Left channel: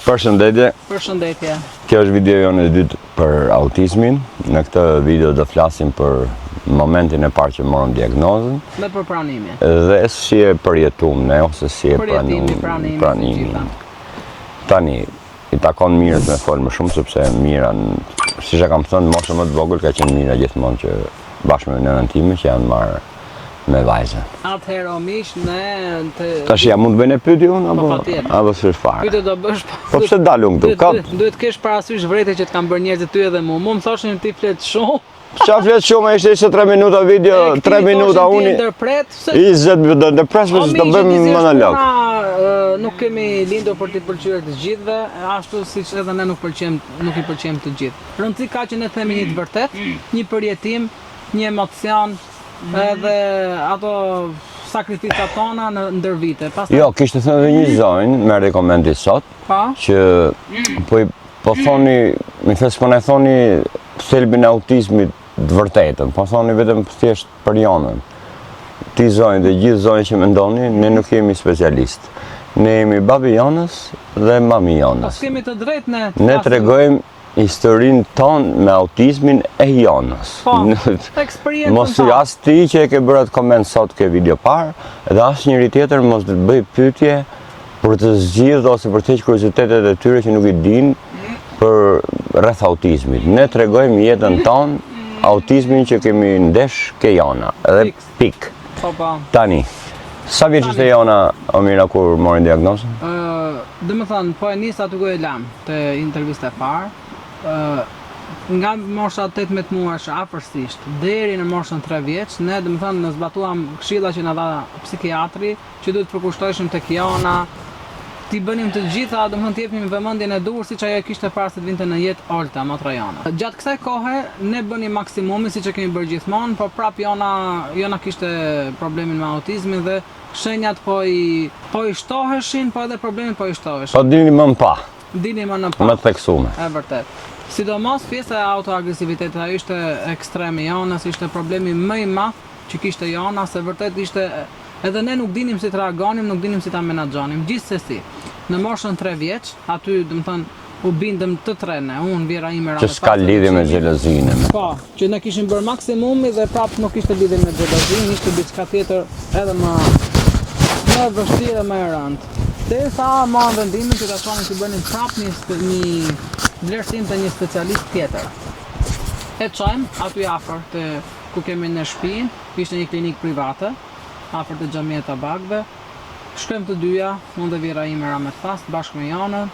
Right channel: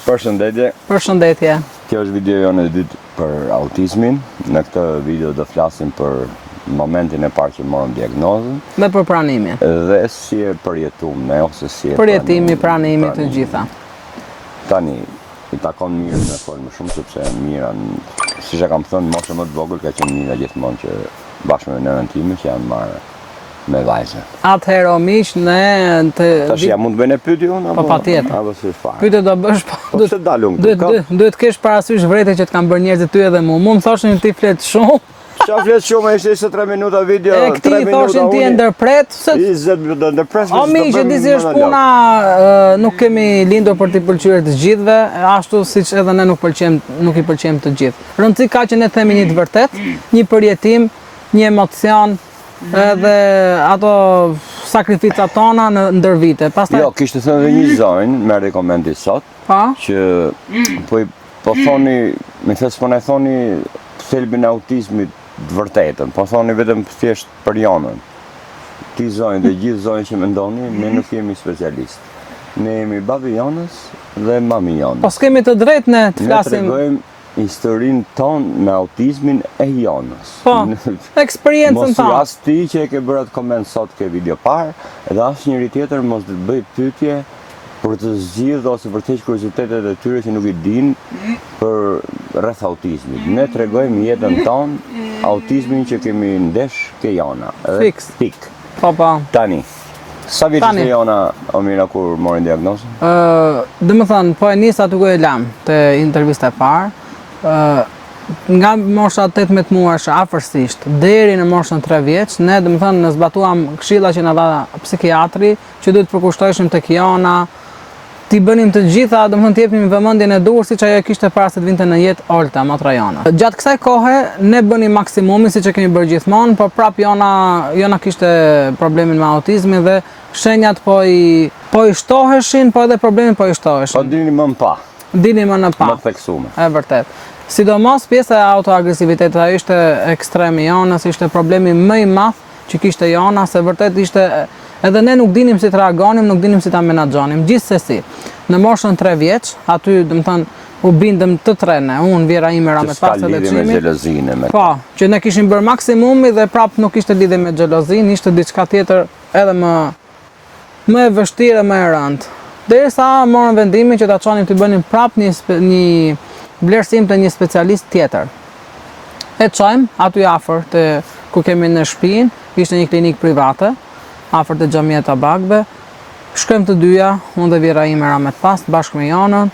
Përshëndetje. Përshëndetje. Kjo është video jonë e dytë për autizmin. Në këtë video do flasim për momentin e parë që morëm diagnozën. Dhe për pranimin. Dhe si e përjetuam ne ose si e Përjetimi, pranimi të gjitha. Tani, i takon mirës me folë më shumë, sepse mira, siç e kam thënë, moshë më të vogël ka qenë mira gjithmonë që bashkë me nënën time që janë marrë me vajzën. Atëherë o miq, ne Tash ja mund të bëjnë pyetje unë Po patjetër. apo s'është fare. Pyetje do bësh. Po pse dalun këtu? Duhet kesh parasysh vërejtë që të kanë bërë njerëzit ty edhe mua. Mu më thoshin ti flet shumë. Qa flet shumë, ishte 3 minuta video, 3 minuta unë. unë. Ndërpret, 20 minuta ndërpres, o do bëjmë monolog. Puna nuk kemi lindur për t'i pëlqyer të gjithëve, ashtu siç edhe ne nuk i pëlqejmë të gjithë. Rëndësi ka që ne themi një të vërtet, një përjetim, një emocion, edhe ato sakrificat tona në ndër vite. Jo, kishte thënë edhe një zonjë me rekomandi sot, që po thoni, më thes po ne thoni thelbin e autizmit të vërtetën, po thoni vetëm thjesht për jonën. Ti zonjë dhe gjithë zonjë që mendoni, ne nuk jemi specialist. Ne jemi babi jonës dhe mami jonës. Po s'kemi të drejtë ne të flasim. Ne tregojmë historinë tonë me autizmin e jonës. Po, eksperiencën mos tonë. As ti që e ke bërë atë koment sot ke video parë, edhe as njëri tjetër mos të bëj pyetje për të zgjidhur ose për të hequr kuriozitetet e tyre që nuk i dinë për rreth autizmit. Ne tregojmë jetën tonë, autizmin që kemi ndesh ke jona. Edhe pik. Po. Tani, sa vjeç ishte jona Omira kur mori diagnozën? Domethënë, po e nis aty ku e lam te intervista e parë. Nga mosha 18 muajsh afërsisht deri në moshën 3 vjeç, ne domethënë ne zbatuam këshilla që na dha psikiatri, që duhet përkushtoheshim tek jona, t'i bënim të gjitha, domethënë t'i jepnim vëmendjen e duhur siç ajo kishte para se të vinte në jetë Olta Matrajana. Gjatë kësaj kohe ne bënim maksimumin siç e kemi bërë gjithmonë, por prap jona kishte problemin me autizmin dhe shenjat po i shtoheshin, po edhe problemin po i shtoheshin. Po dini më në pa. Dini më në pa. Më theksume. E vërtet. Sidomos pjesa e autoagresivitetit, ajo ishte ekstrem i jonës, ishte problemi më i madh që kishte jona, se vërtet ishte edhe ne nuk dinim si të reagonim, nuk dinim si ta menaxhonim. Gjithsesi, në moshën 3 vjeç, aty domethënë u bindëm të trene, unë, Vjera ime, Ramet Pasë dhe lidhje me xhelozinë me. Po, që ne kishim bërë maksimumi dhe prap nuk ishte lidhje me xhelozinë, ishte diçka tjetër edhe më e vështirë, më e rëndë. Derisa morën vendimin që ta çonin të bënin prap një vlerësim të një specialist tjetër. E çojmë aty afër te ku kemi në shtëpinë, ishte një klinikë private, afër te xhamia Tabakbe. Shkojmë të dyja, unë dhe Vjera ime Ramet bashkë me jonën.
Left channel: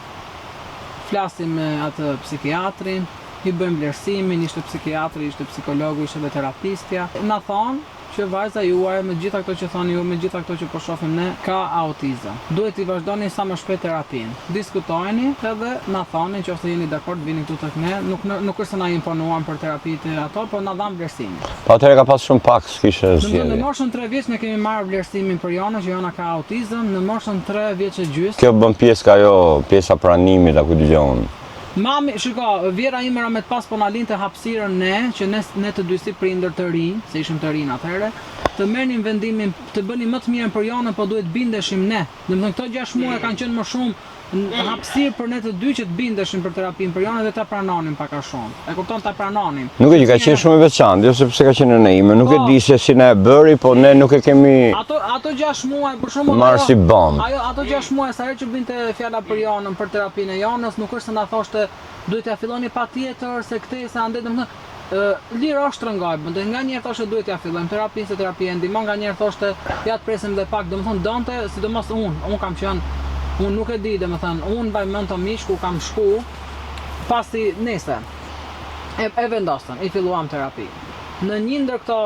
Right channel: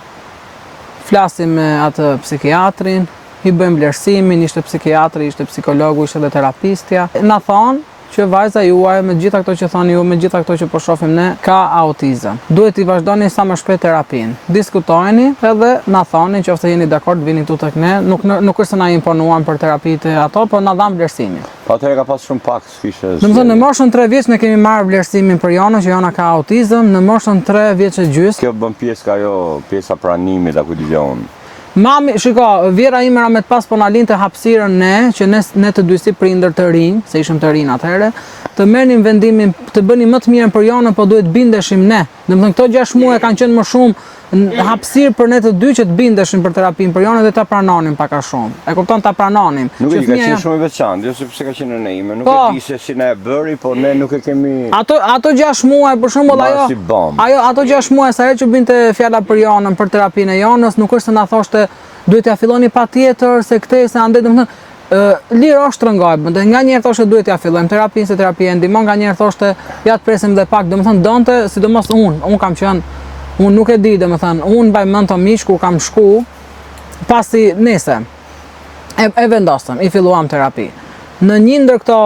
Flasim me atë psikiatrin, i bëjmë vlerësimin, ishte psikiatri, ishte psikologu, ishte dhe terapistja. Na thonë që vajza juaj, me gjitha këto që thoni ju, me gjitha këto që po shohim ne, ka autizëm. Duhet i vazhdoni sa më shpejt terapinë. Diskutojeni edhe na thoni nëse jeni dakord vini këtu tek ne. Nuk është se na imponuan për terapitë ato, po na dhan vlerësimin. Po atëherë ka pas shumë pak, s'kishte. Domethënë në moshën 3 vjeç ne kemi marrë vlerësimin për jonën që jona ka autizëm, në moshën 3 vjeç e gjys. Kjo bën pjesë ajo, pjesa pranimit apo dëgjon. Mami, shiko, Vjera ime Ramet po na linte hapësirën ne, që ne të dy si prindër të rinj, se ishim të rinj atëherë, të merrnim vendimin të bënim më të mirën për jonën, po duhet bindeshim ne. Domethënë këto 6 muaj kanë qenë më shumë hapësirë për ne të dy që të bindeshim për terapinë për jonën dhe ta pranonim pak a shumë. E kupton, ta pranonim. Nuk e di, ka qenë shumë i veçantë, jo sepse ka qenë në ime, nuk e di se si na e bëri, po ne nuk e kemi. Ato 6 muaj për shembull ato 6 muaj sa herë që binte fjala për jonën, për terapinë e jonës, nuk është se na thoshte duhet ja filloni patjetër se këtë se andaj domethënë lirë është rëngojmë, dhe nga njerë thoshte duhet ja fillojmë terapinë, se terapia ndihmon, nga njerë thoshte ja të presim dhe pak, domethënë donte, sidomos unë kam qenë, unë nuk e di, domethënë, unë mbaj mend të miq ku kam shku, pasi nese, e vendosëm, i filluam terapi. Në një ndër këto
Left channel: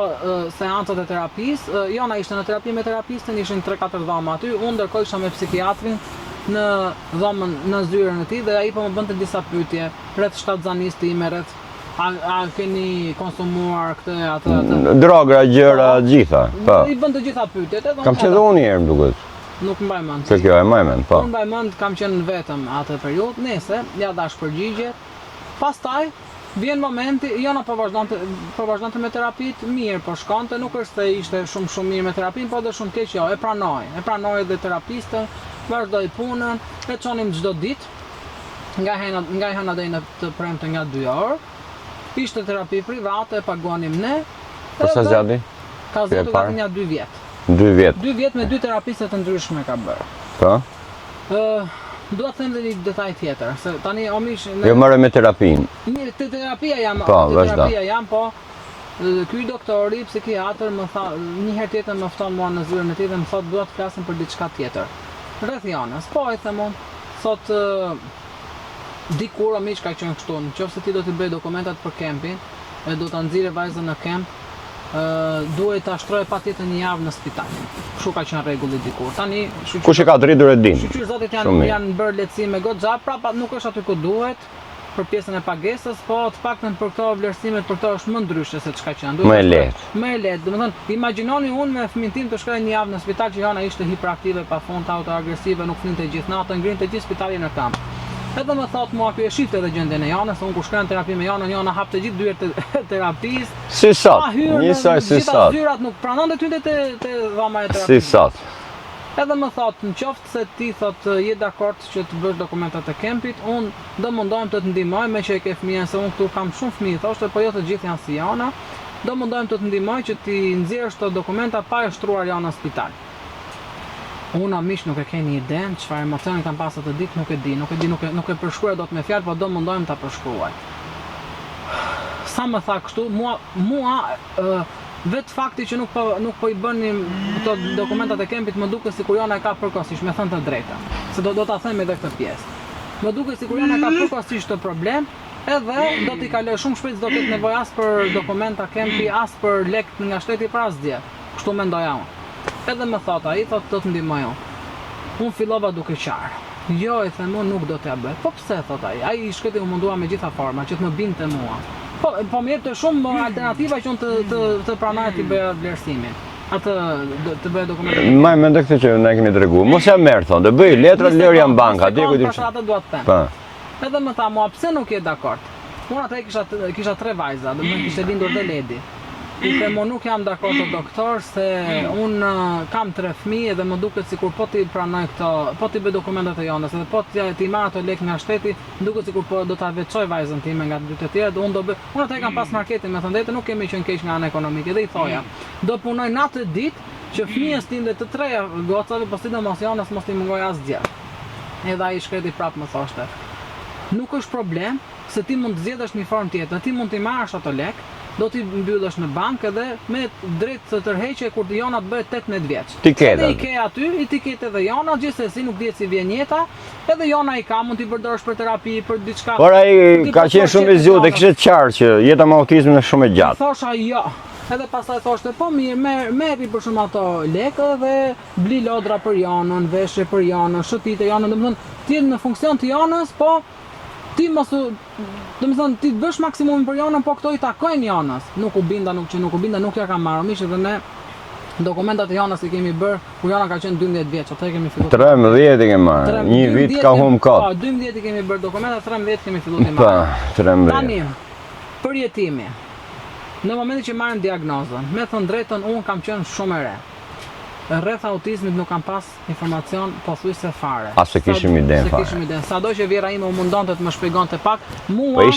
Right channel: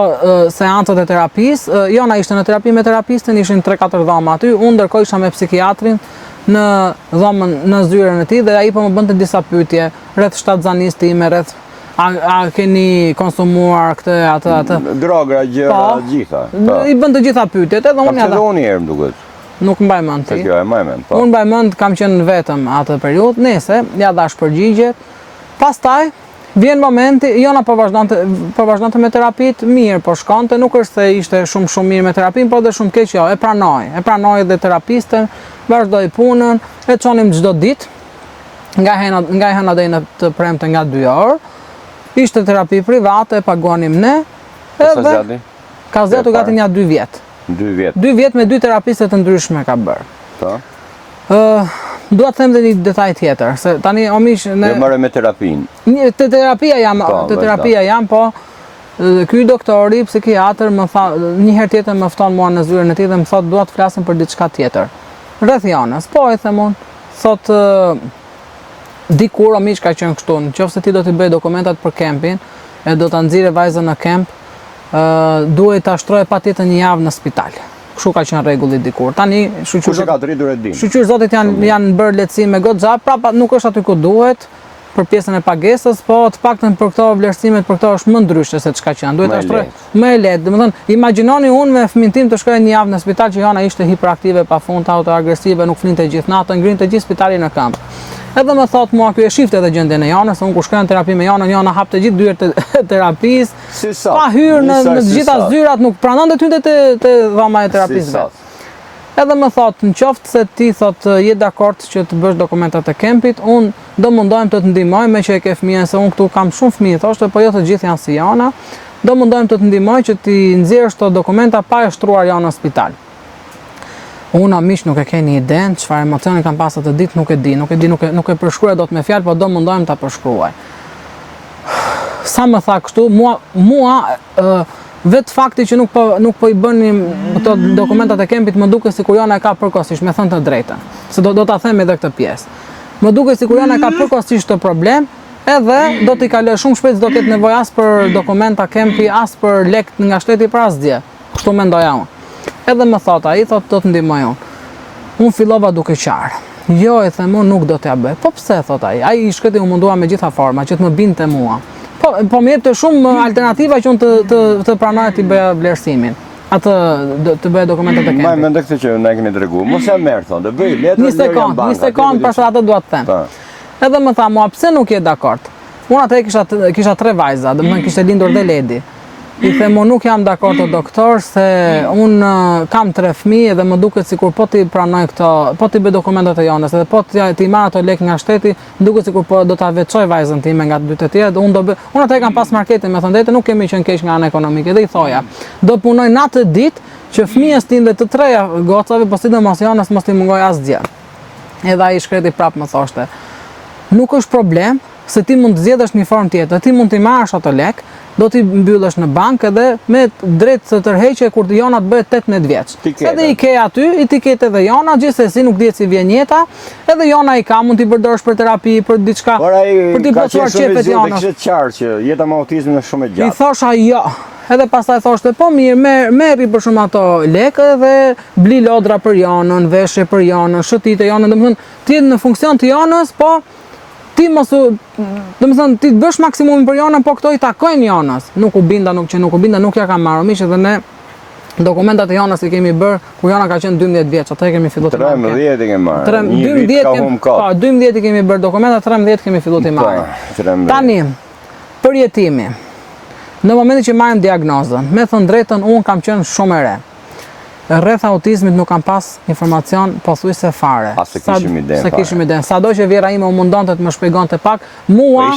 seancat e terapisë, jona ishte në terapi me terapistin, ishin 3-4 dhoma aty, unë ndërkohë isha me psikiatrin në dhomën në zyrën e tij dhe ai po më bënte disa pyetje rreth shtatzanisë time, rreth a keni konsumuar këtë atë droga, gjëra, gjitha. I bën të gjitha pyetjet, edhe unë. Kam thënë një herë më duket. Nuk mbaj mend. Se kjo e mbaj mend, po. Unë mbaj mend, kam qenë vetëm atë periudhë, nese, ja dash përgjigje. Pastaj vjen momenti, jona po vazhdonte me terapitë, mirë po shkonte, nuk është se ishte shumë mirë me terapinë, po dhe shumë keq, e pranoi dhe terapistën, vazhdoi punën, e çonim çdo ditë. nga e hëna deri në të premte nga 2 orë. Ishte terapi private, paguanim ne. Sa zgjati? Ka zgjatur gati nga 2 vjet. 2 vjet. 2 vjet me 2 terapiste të ndryshme ka bërë. Po. Dua të them dhe një detaj tjetër, se tani o mish Jo marrë me terapinë. Te terapia jam, po ky doktori psikiatër më tha një herë tjetër më fton mua në zyrën e tij dhe më thotë dua të flasim për diçka tjetër. Rreth Janës, po e them unë, thotë dikur o mish ka qenë kështu, nëse ti do të bëj dokumentat për kempin e do ta nxirë vajzën në kemp, duhet ta shtroje patjetër një javë në spital. Kështu ka qenë rregulli dikur. Tani Kush e ka dritur e din. Shqyr zotit janë bërë lehtësime goxha, prapa nuk është aty ku duhet për pjesën e pagesës, po të paktën për këto vlerësimet për këto është më ndryshe se çka që janë. Duhet më e lehtë. Domethënë, imagjinoni unë me fëmin tim të shkoja një javë në spital që Jana ishte hiperaktive, pafund, autoagresive, nuk flinte gjithë natën, ngrinte gjithë spitalin në këmbë. Edhe më thot mua ky e shifte edhe gjendjen e Janës, unë kur shkoj në terapi me Janën, Jana hapte gjithë dyert e terapisë. Si sa? Pa hyrë në të gjitha zyrat, nuk pranonte të hynte te dhama e terapisë. Si sa? Edhe më thot, në qoftë se ti thot je dakord që të bësh dokumentat e kempit, unë do mundohem të të ndihmoj me që e ke fëmijën, se unë këtu kam shumë fëmijë, thoshte, po jo të gjithë janë si Jana. Do mundohem të të ndihmoj që ti nxjerrësh këto dokumenta pa e shtruar Jana në spital. Unë mish nuk e keni iden, çfarë emocioni kam pas atë ditë nuk e di, nuk e përshkruaj dot me fjalë, po do mundohem ta përshkruaj. Sa më tha kështu, mua vetë fakti që nuk po i bënim ato dokumentat e kempit më duket sikur Jana e ka përkohësisht, me thënë të drejtën. Se do ta them edhe këtë pjesë. Më duket sikur Jana e ka përkohësisht të problem, edhe do t'i kaloj shumë shpejt, do ketë nevojë as për dokumenta kempi, as për lek nga shteti për asgjë. Kështu mendoja unë. Edhe më thot ai, thot do të ndihmoj unë. Unë fillova duke qarë. Jo, e them unë nuk do t'ja bëj. Po pse, thot ai? Ai i shkëti u mundua me gjitha forma që të më binte mua. Po më jep të shumë alternativa që unë të pranoj të bëja vlerësimin. Atë të bëja dokumentet e kempit. Më mendoj këtë që na keni treguar. Mos ja merr thon, të bëj letra lërja në bank. Një sekond, për atë dua të them. Edhe më tha mua, pse nuk je dakord? Unë atë kisha 3 vajza, domethënë kishte lindur dhe Ledi. I them unë nuk jam dakord o doktor se unë kam 3 fëmijë dhe më duket sikur po ti pranoj këto, po ti bëj dokumentat e Janës edhe po ti marr ato lek nga shteti, duket sikur po do ta veçoj vajzën time nga 2 të tjera dhe unë atë kam pas marketin, me thënë drejtë nuk kemi qenë keq nga ana ekonomike dhe i thoja, do punoj natë ditë që fëmijës tim dhe të 3 gocave, po sidomos Janës mos ti mungoj asgjë. Edhe ai shkreti prapë më thoshte, nuk është problem, se ti mund të zgjedhësh një formë tjetër, ti mund t'i marrësh ato lek, do t'i mbyllësh në bankë edhe me drejt të tërheqje kur Jona të bëhet 18 vjeç. Edhe i ke aty, i ti ketë edhe Jona, gjithsesi nuk dihet si vjen jeta, edhe Jona i ka, mund t'i përdorësh për terapi, për diçka. Por ai ka qenë shumë i zgjuar, kishte qartë që jeta me autizëm është shumë e gjatë. I thosha jo. Edhe pastaj thoshte, po mirë, merri për shumë ato lekë dhe bli lodra për Jonën, veshje për Jonën, shëtite Jonën, domethënë ti në funksion të Jonës, po ti domethënë ti bësh maksimumin për Jonën, po këto i takojnë Jonës. Nuk u binda, nuk ja kam marrë mish edhe ne dokumentat e Jonës i kemi bërë kur Jona ka qenë 12 vjeç, atë kemi filluar. 13 e kemi marrë. Një vit ka humbur kot. Po, 12 i kemi bërë dokumenta, 13 kemi filluar të marrim. Po, 13. Tani, përjetimi. Në momentin që marrim diagnozën, me thënë drejtën, unë kam qenë shumë e re. Rreth autizmit nuk kam pas informacion pothuajse fare. Se kishim ide. Sado që vjera ime u mundonte të më shpjegonte pak, mua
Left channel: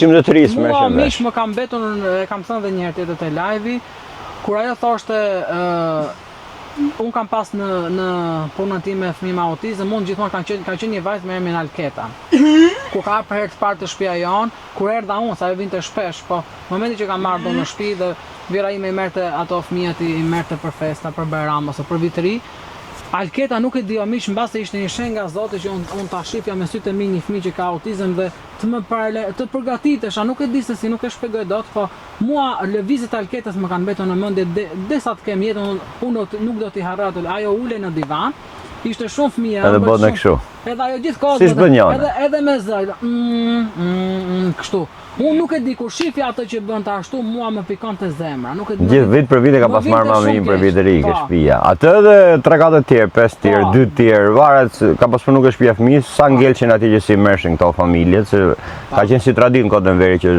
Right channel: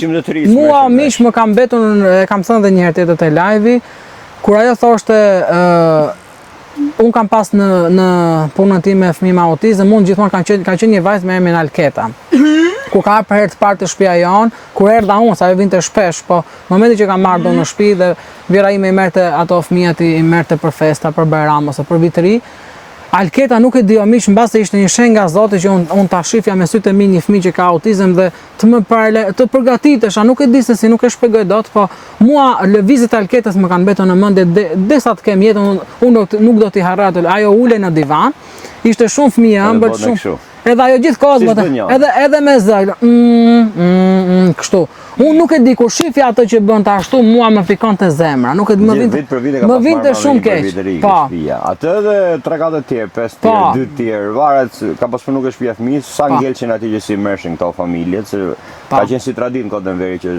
mish më kam mbetur, kam thënë edhe një herë tjetër te live-i, kur ajo thoshte unë kam pas në punën time fëmijë me autizëm, unë gjithmonë ka qenë një vajzë me emrin Alketa. Kur ka për herë të parë të shtëpia jon, kur erdha unë, sa ajo vinte shpesh, po në momentin që kam marrë do në shtëpi dhe vjera ime i merrte ato fëmijët i merrte për festa, për Bajram ose për vit të ri, Alketa nuk e di o mish, mbase ishte një shenjë nga Zoti që unë ta shifja me sytë e mi një fëmijë që ka autizëm dhe të përgatitesha, nuk e di se si, nuk e shpjegoj dot, po mua lëvizjet e Alketës më kanë mbetur në mendje derisa të kem jetën, unë nuk do t'i harroj atë. Ajo ulej në divan, ishte shumë fëmijë ëmbël shumë. Edhe ajo gjithkohë edhe me zël. Kështu. Unë nuk e di kur shifja atë që bën ta ashtu, mua më fikonte zemra. Nuk e di. Gjithë vit për vit e ka pas marrë mami për vitëri ke shtëpia. Atë edhe 3-4 tjerë, 5 tjerë, 2 tjerë, varet ka pas punuar ke shtëpia fëmijës, sa ngelçin atij që si mëshin këto familjet, se ka qenë si traditë në kodën veri që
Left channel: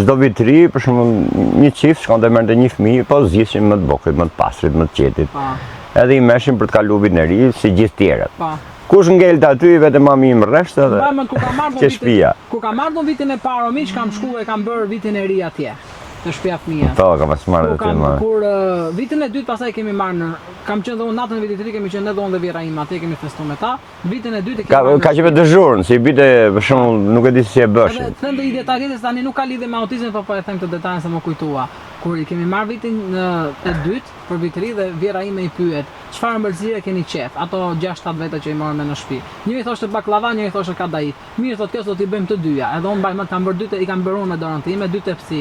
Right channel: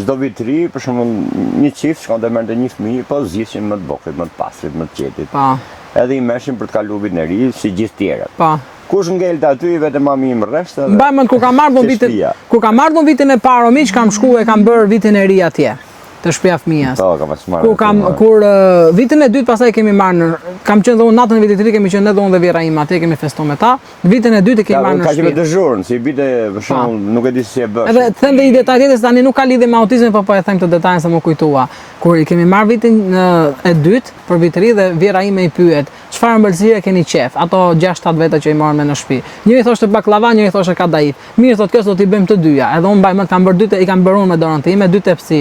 çdo vit të ri, për shembull, një çift shkonte merrte një fëmijë, po zgjishin më të bukurit, më të pastrit, më të qetit. Edhe i mëshin për të kaluar vitin e ri si gjithë tjerët. Kush ngelta aty vetëm mami im rresht edhe. Mbajmën kur kam ardhur vitin e parë miq, kam shkuar e kam bërë vitin e ri atje. Të shtëpia fëmijës. Po, kam pas marrë. Kur vitin e dytë pastaj kemi marrë kam qenë dhe unë natën e vitit të ri kemi qenë edhe unë dhe vjera ime atje kemi festuar me ta. Vitin e dytë kemi marrë. Ka qenë dëzhurën, si bite për shembull nuk e di si e bësh. Edhe them dhe i detaj tjetër tani nuk ka lidhje me autizmin, po e them këtë detajin se më kujtua. Kur i kemi marrë vitin e dytë për vit të ri dhe vjera ime i pyet, çfarë ëmbëlsire keni qef? Ato 6-7 veta që i marrën me në shtëpi. Njëri thoshte baklava, njëri thoshte kadayif. Mirë thotë kjo do t'i bëjmë të dyja. Edhe unë mbaj më kam bërë dytë, i kam bërë unë me dorën time, dy tepsi.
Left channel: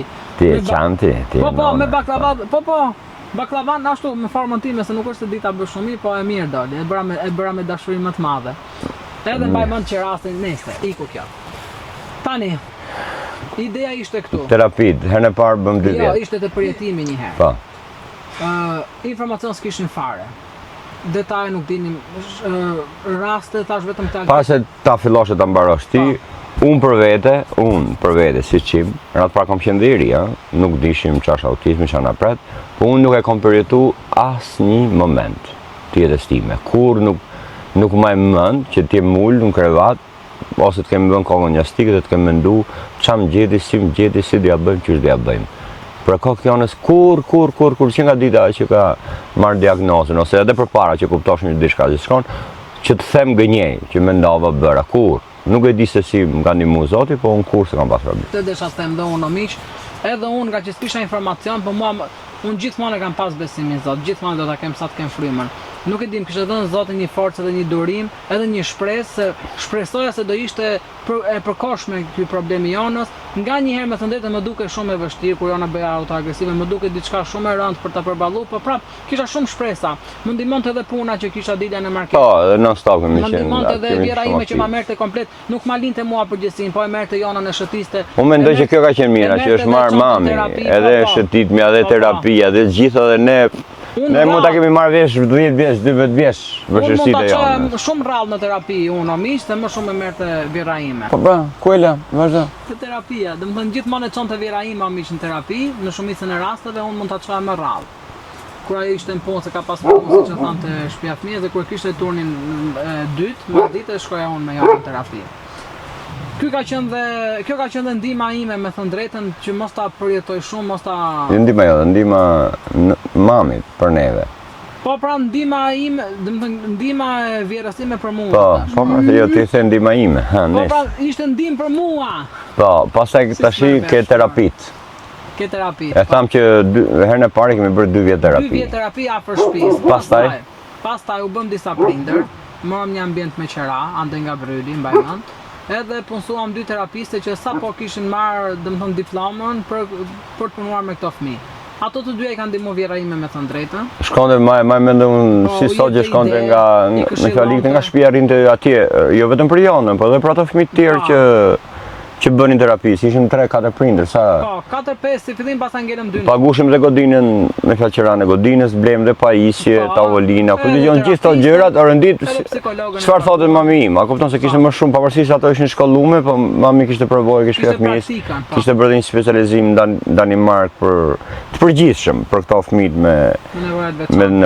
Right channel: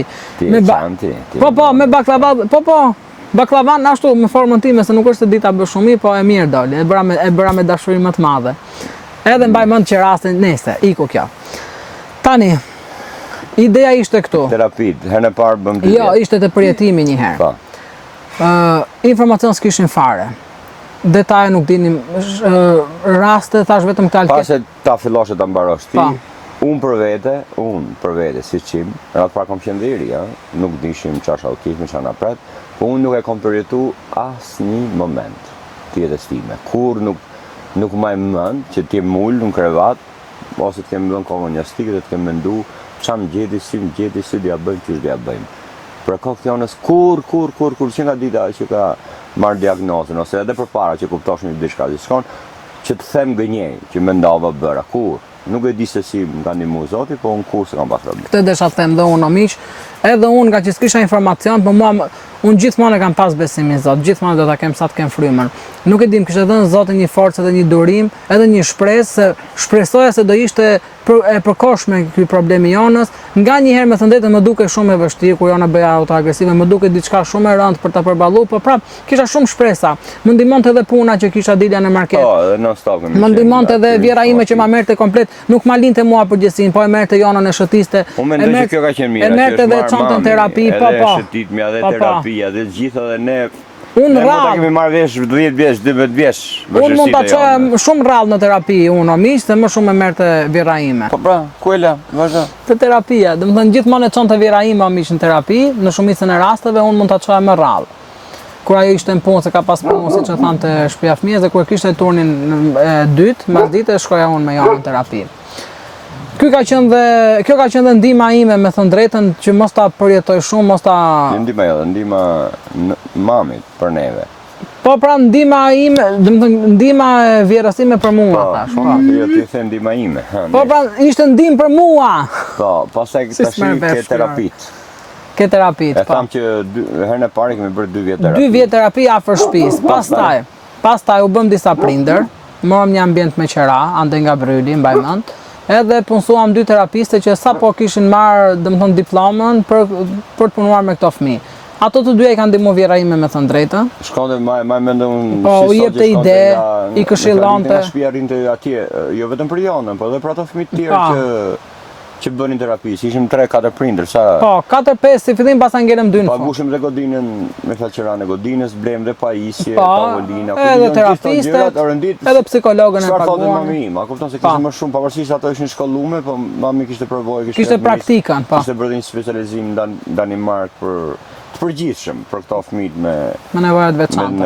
Po, me baklava, po. Baklavan ashtu me formën time se nuk është se dita bë shumë mirë, po e mirë doli. E bëra me dashuri më të madhe. Edhe mbaj mend që rastin nese, iku kjo. Tani ideja ishte këtu. Terapit, herën e parë bëm dy. Jo, ishte të përjetimi një herë. Po. Informacion s'kishin fare. Detaje nuk dinim, raste thash vetëm këtë. Para se ta fillosh ta mbarosh ti, unë për vete si qim, ratë pra kom qenë dhe i ri, nuk dishim ç'është autizmi, ç'është anapret, po unë nuk e kom përjetu asnjë moment të jetës time. Kur nuk më mend që ti mul në krevat, ose të kemi bën kohën gjastike dhe të kemi mendu ç'a më gjeti, si d'ja bëjmë, ç'është d'ja bëjmë. Për kokë jonës kur që nga dita që ka marrë diagnozën, ose edhe përpara që kuptosh një diçka që shkon, që të them gënjej, që mendova bëra, kur. Nuk e di se si më ka ndihmuar Zoti, po unë kur se kam pas problem. Këtë desha të them dhe unë miq, edhe unë nga që s'kisha informacion, po unë gjithmonë e kam pas besimin Zot, gjithmonë do ta kem sa të kem frymën. Nuk e dim, kishte dhënë Zoti një forcë dhe një durim, edhe një shpresë, shpresoja se do ishte e përkohshme ky problemi jonës. Nganjëherë me thënë drejtën më duke shumë e vështirë kur jona bëja autoagresive, më duke diçka shumë e rëndë për ta përballuar, po prap kisha shumë shpresa. Më ndihmonte edhe puna që kisha dilja në market. Po, edhe non stop. Më ndihmonte edhe vjera ime që ma merrte komplet, nuk ma linte mua përgjithësinë, po e merrte jonën e shëtiste. Unë mendoj që kjo ka qenë mirë, që është marrë mami, terapi, edhe shëtitmja, edhe terapia, edhe gjitha dhe ne mund ta kemi marrë vesh 10 vjeç, 12 vjeç vështirësitë. Unë mund ta çoja shumë rrallë në terapi, unë miq, se më shumë e merrte vjera ime. Po pra, ku e la? Vazhdo. Te terapia, domethënë gjithmonë e çonte vjera ime miq në terapi, në shumicën e rasteve unë mund ta çoja më rrallë. Kur ajo ishte në punë, se ka pas punë, siç e thante shtëpia fëmijës, dhe kur kishte turnin e dytë, mbas ditës shkoja unë me javën në terapi. Kjo ka qenë dhe ndihma ime, me thënë drejtën, që mos ta përjetoj shumë, mos ta... Ndihma jo, ndihma mamit për neve. Po pra ndihma ime, ndihma e vjerës time për mua. Po, se jo ti the ndihma ime. Po pra ishte ndihmë për mua. Po, pastaj tashi ke terapit. Ke terapit, po. E tham që herën e parë kemi bërë 2 vjet terapi. 2 vjet terapi afër shtëpisë. Pastaj u bëm disa prindër, morëm një ambient me qera, ande nga Bryli, mbaj mend. Edhe punsuam 2 terapiste që sapo kishin marrë, domethënë diplomën për të punuar me këto fëmijë. Ato të dyja i kanë ndihmuar vjera ime, me thënë drejtën. Shkonte më mendoj si sot që shkonte nga shtëpia rinte atje, jo vetëm për jonën, por edhe për ato fëmijë të tjerë që bënin terapi, ishim 3-4 prindër, sa... Po, 4-5, si fillim pas ngelëm 2 në fund. Pagushim dhe godinën, me faqeran e godinës, blem dhe pajisje, tavolina, ku të gjithë të gjërat, rëndit, edhe psikologën e çfarë thotë mami im, a kupton se kishte më shumë, pavarësisht ato ishin shkollume, po mami kishte përvojë, kishte praktikën, po. Kishte bërë një specializim Danimark për të përgjithshëm për këto fëmijë me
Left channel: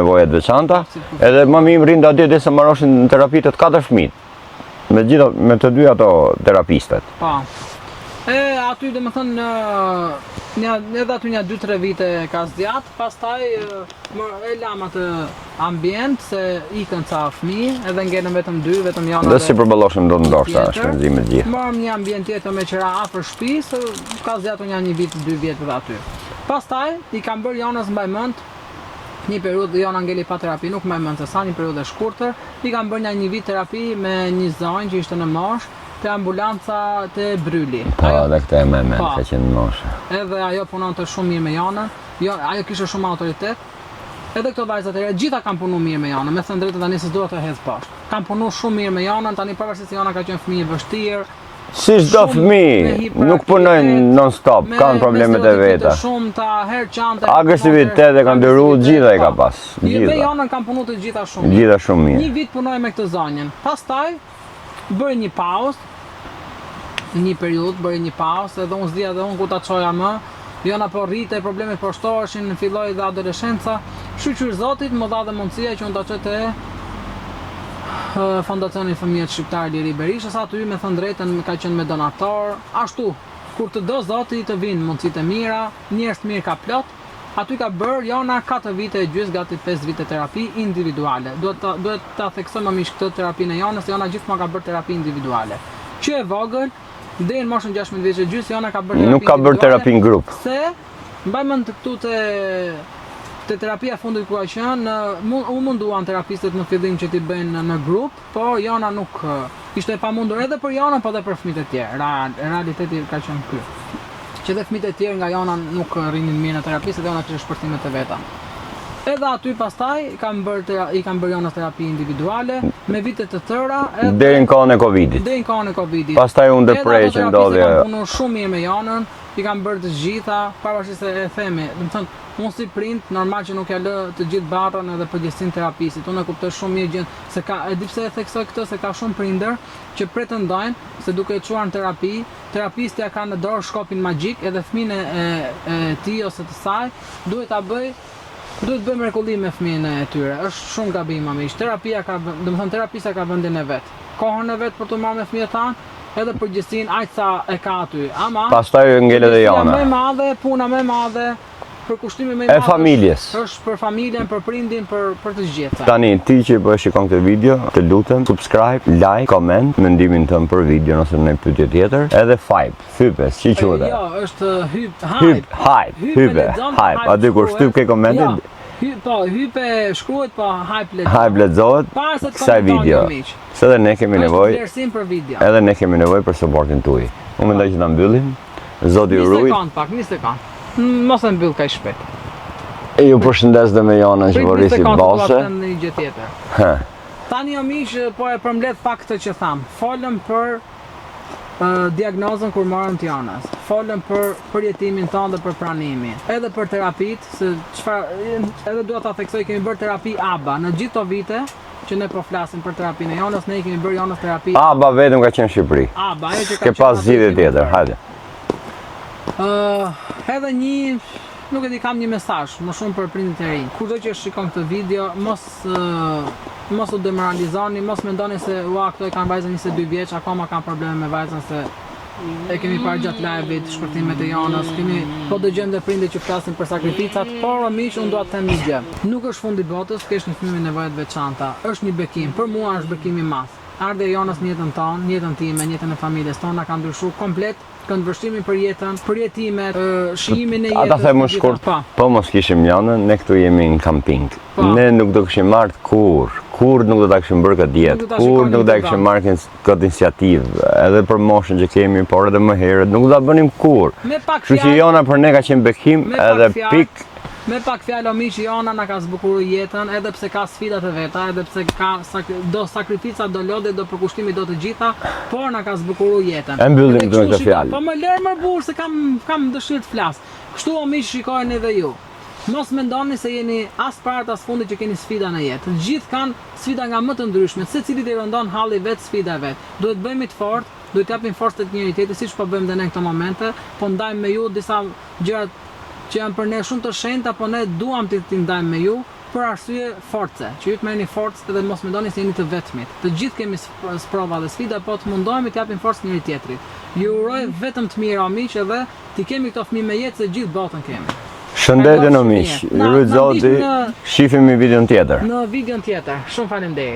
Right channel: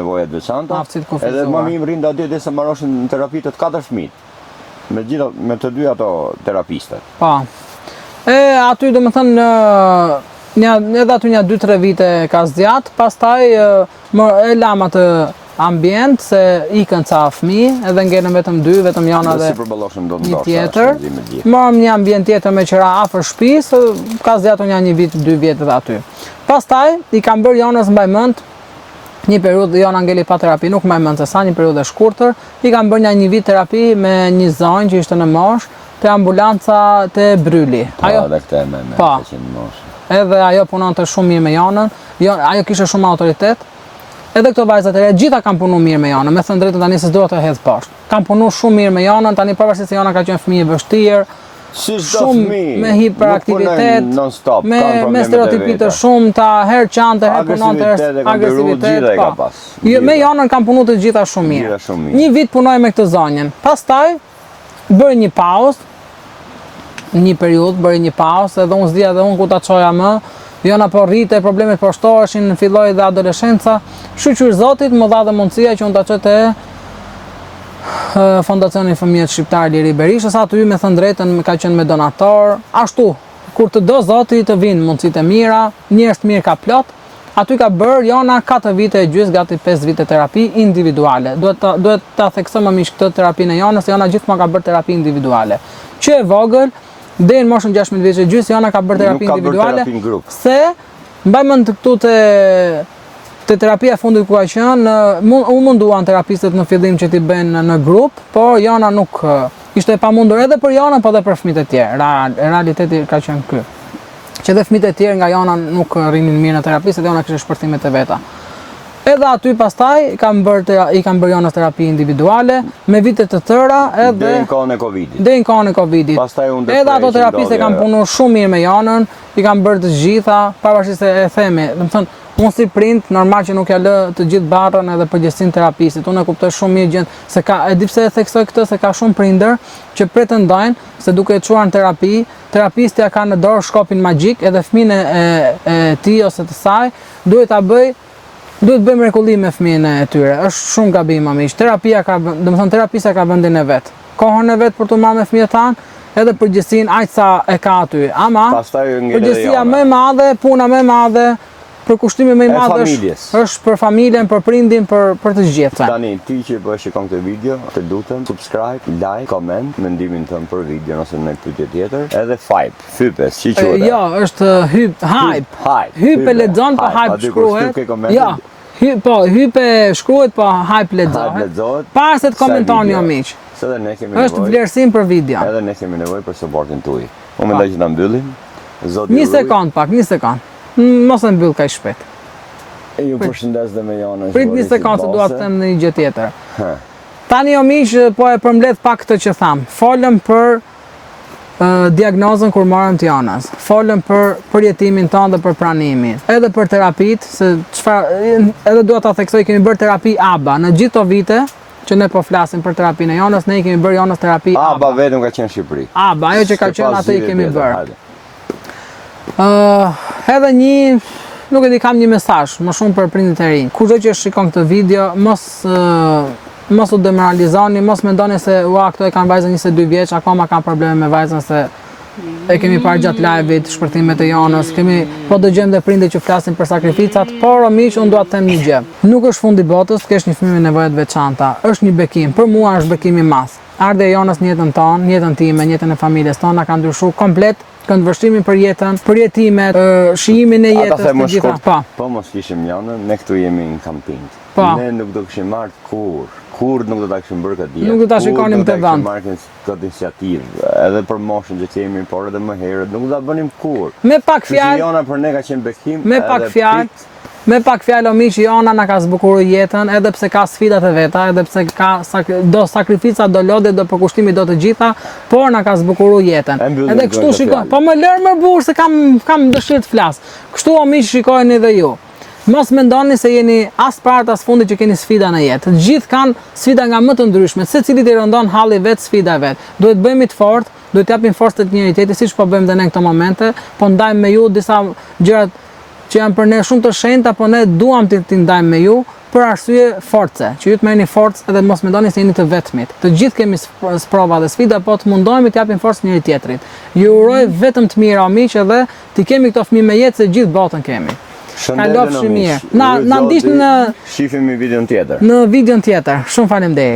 nevojat veçanta. Edhe mami im rinte atje derisa marroshin terapi të 4 fëmijë. Me të dy ato terapistet. Po. Aty do më thënë, edhe aty një 2-3 vite ka zgjat, pastaj e lam atë ambient, se ikën ca fëmijë, edhe ngelën vetëm 2, vetëm janë edhe... Dhe si përballoshem do të ndoshta shpenzimet gjithë. Morëm një ambient tjetër me qera afër shtëpisë, ka zgjatur një vit, 2 vjet edhe aty. Pastaj i kam bërë jonës mbaj mend, një periudhë jona ngeli pa terapi, nuk mbaj mend se sa, një periudhë e shkurtër, i kam bërë një vit terapi me një zonjë që ishte në Mosh, te ambulanca te Bryli. Dhe këtë e me ka qenë në Mosh. Edhe ajo punonte shumë mirë me jonën, ajo kishte shumë autoritet. Edhe këto vajzat e reja gjitha kanë punuar mirë me jonën, me thënë drejtën tani se s'do të hedh poshtë. Kanë punuar shumë mirë me jonën, tani pavarësisht se jona ka qenë fëmijë e vështirë. Si çdo fëmijë, nuk punojnë non stop, kanë probleme të veta. Shumë ta herë qante, herë punote. Agresivitet e kanë ndërruar gjithë ai ka pas. Me jonën kanë punuar të gjitha shumë mirë. Gjitha shumë mirë. Një vit punoj me këtë zonjën. Pastaj bëri një pauzë. Një periudhë bëri një pauzë, edhe unë s'dija edhe unë ku ta çoja më. Jona po rrite, problemet po shtoheshin, filloi dhe adoleshenca. Shqyr Zotit më dha dhe mundësia që unë ta çoj te Fondacioni Fëmijët Shqiptar Liri Berishës, aty me thënë drejtën ka qenë me donator, ashtu, kur të do zoti të vinë mundësitë e mira, njerëz të mirë ka plot, aty ka bërë Jona 4 vite e gjysmë, gati 5 vite terapi individuale. Duhet ta theksoj më miq këtë terapinë e Jonës, Jona gjithmonë ka bërë terapi individuale. Që e vogël, deri në moshën 16 vjeç e gjysmë, Jona ka bërë terapi individuale. Nuk ka bërë terapi në grup. Se mbaj mend këtu te terapia fundit ku ka qenë, u munduan terapistët në fillim që t'i bëjnë në grup, por Jona nuk ishte e pamundur edhe për Jonën, po edhe për fëmijët e tjerë. Realiteti ka qenë ky. Që edhe fëmijët e tjerë nga Jona nuk rrinin mirë në terapi, se Jona kishte shpërthimet e veta. Edhe aty pastaj i kanë bërë Jonës terapi individuale me vite të tëra edhe deri në kohën e Covidit. Pastaj u ndërprerën. Edhe ato terapistë kanë punuar shumë mirë me Jonën, i kanë bërë të gjitha, pavarësisht se e themi, domethënë unë si prind, normal që nuk ja lë të gjithë barrën edhe përgjegjësinë terapistit. Unë e kuptoj shumë mirë gjën se ka, e di pse e theksoj këtë, se ka shumë prindër që pretendojnë se duke e çuar në terapi, terapistja ka në dorë shkopin magjik edhe fëmin e tij ose të saj duhet bëj mrekulli me fëmijën e tyre. Është shumë gabim miq. Terapia ka, domethënë terapista ka vendin e vet. Kohën e vet për të marrë me fëmijët tanë, edhe përgjegjësinë aq sa e ka aty. Ama pastaj ngelet edhe Jona. Më e madhe, puna më e madhe, përkushtimi më i madh është për familjen, për prindin, për të gjithë. Tani ti që po shikon këtë video, të lutem subscribe, like, comment, mendimin tënd për videon ose në pyetje tjetër, edhe hype, si quhet? Jo, është hype lexon, po hype. Aty kur shtyp ke komentet. Hype shkruhet, po hype lexohet. Hype lexohet. Para se të komentoni ju miq. Se edhe ne kemi nevojë. Është vlerësim për video. Edhe ne kemi nevojë për suportin tuaj. Unë mendoj që ta mbyllim. Zoti ju ruaj. Një sekond. Mos e mbyll kaq shpejt. Ju përshëndes dhe me Jonën që vorisi bose. Prit një sekond, dua të them një gjë tjetër. Tani o miq, po e përmbledh pak këtë që tham. Folëm për diagnozën kur morëm të Jonës. Folëm për përjetimin tonë dhe për pranimin. Edhe për terapitë, se çfarë edhe dua ta theksoj, kemi bërë terapi ABA në gjithë këto vite që ne po flasim për terapinë e Jonës, ne kemi bërë Jonës terapi ABA. ABA vetëm ka qenë në Shqipëri. ABA, ajo që ka qenë aty kemi bërë. Edhe nuk e di, kam një mesazh më shumë për prindit e rinj. Kushdo që shikon këtë video, mos u demoralizoni, mos mendoni se këto e kanë vajzën 22 vjeç, akoma kanë probleme me vajzën, se e kemi parë gjatë live-it, shpërtimet e Jonës, po dëgjojmë dhe prindë që flasin për sakrificat, por miq, unë dua të them një gjë. Nuk është fundi botës, kesh një fëmijë me nevoja të veçanta. Është një bekim, për mua është bekim i madh. Ardha e Jonës në jetën tonë, në jetën time, në jetën e familjes tonë, na ka ndryshuar komplet këndvështrimin për jetën, përjetimet, shijimin e jetës. Ata them më shkurt, po mos kishim Jonën, ne këtu jemi në kamping. Ne nuk do kishim marrë kur nuk do ta kishim bërë këtë jetë, kur nuk do ta kishim marrë këtë iniciativë, edhe për moshën që kemi, por edhe më herët, nuk do ta bënim kur. Me pak fjalë. Kështu Jona për ne ka qenë bekim, edhe pik. Me pak fjalë miq, Jona na ka zbukuruar jetën, edhe pse ka sfidat e veta, edhe pse ka do sakrifica, do lodhe, do përkushtimi, do të gjitha, por na ka zbukuruar jetën. Edhe kështu shikoj, po më lër më burr se kam dëshirë të flas. Kështu miq, shikojeni edhe ju. Mos mendoni se jeni as parë as fundi që keni sfida në jetë. Të gjithë kanë sfida nga më të ndryshme, secili i rëndon halli vet sfida vet. Duhet bëhemi të fortë, duhet japim forcë të njëri tjetrit, siç po bëjmë dhe ne në këto momente, po ndajmë me ju disa gjëra që janë për ne shumë të shenjta, po ne duam t'i ndajmë me ju për arsye force, që ju të merrni forcë edhe mos mendoni se jeni të vetmit. Të gjithë kemi sprova dhe sfida, po të mundohemi të japim forcë njëri tjetrit. Ju uroj vetëm të mira miq, edhe ti kemi këto fëmijë me jetë se gjithë botën kemi. Shëndetje në miq. Na ndihni në shihemi videon tjetër. Në videon tjetër. Shumë faleminderit.